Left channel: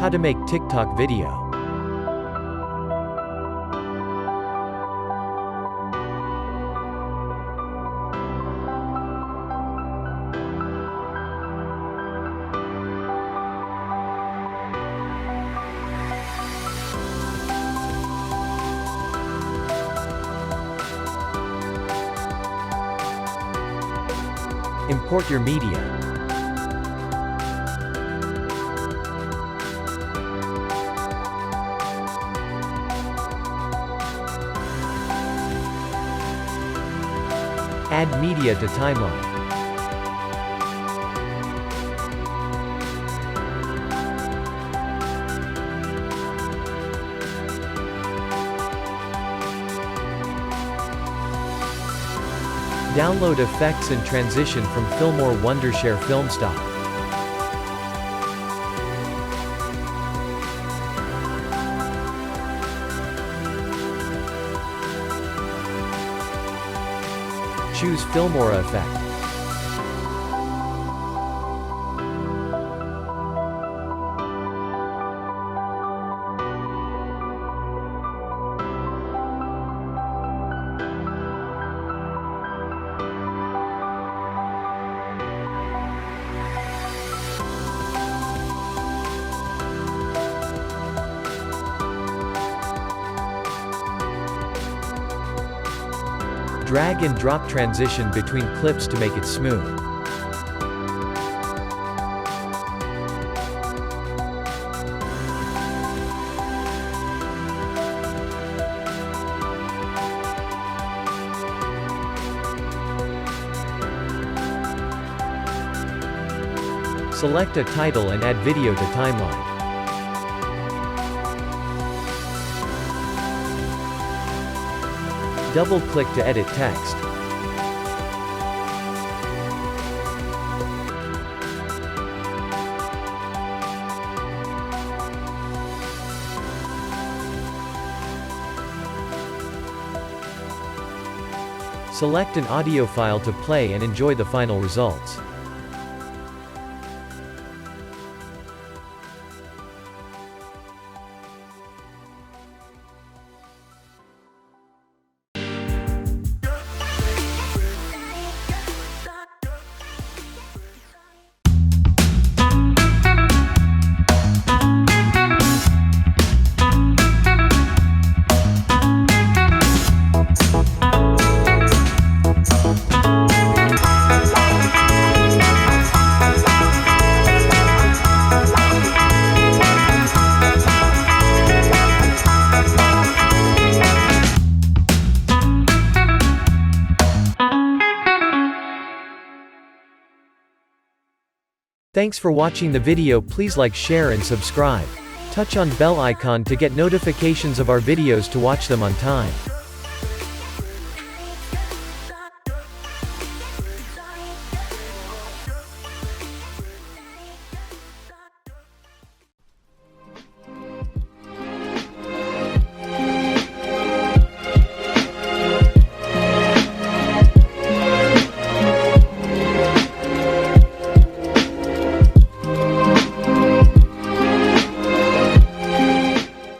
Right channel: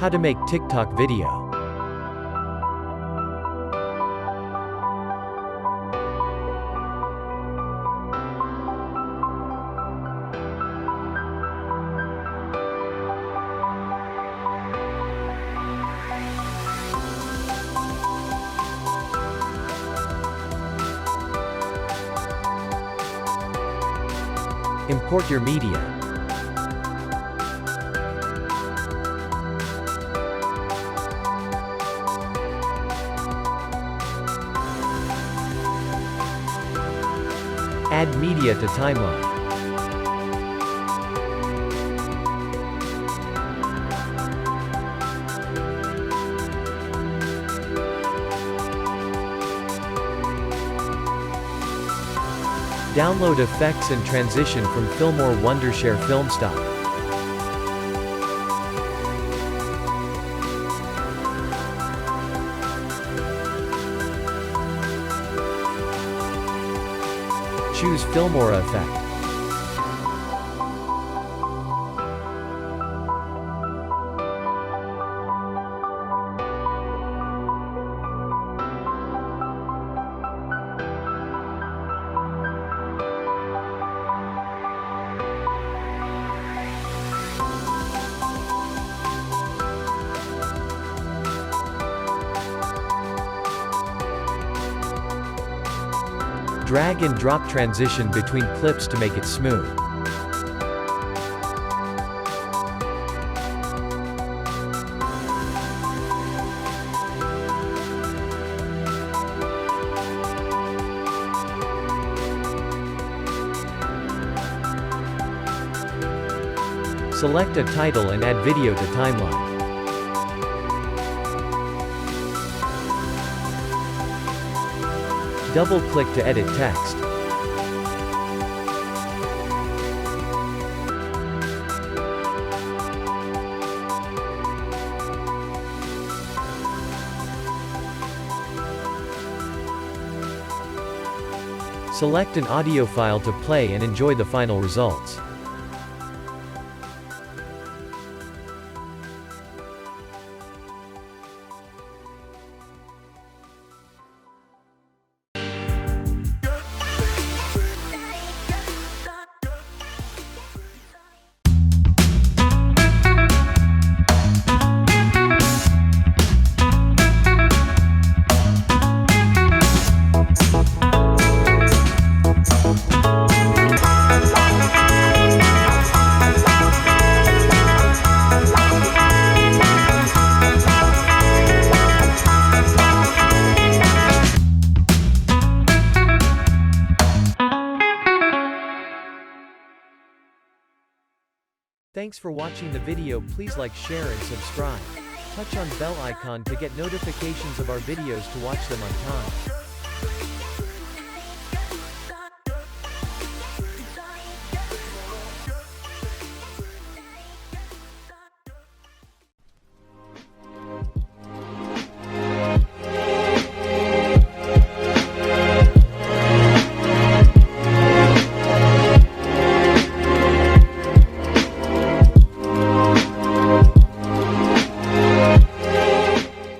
How to make TikTok video. Import your media. Add media to timeline. Download effects and transition from Filmora Wondershare Filmstock. Choose Filmora effect. Drag and drop transition between clips to make it smooth. Select a title and add video to timeline. Double-click to edit text. Select an audio file to play and enjoy the final results. Thanks for watching the video. Please like, share and subscribe. Touch on bell icon to get notifications of our videos to watch them on time.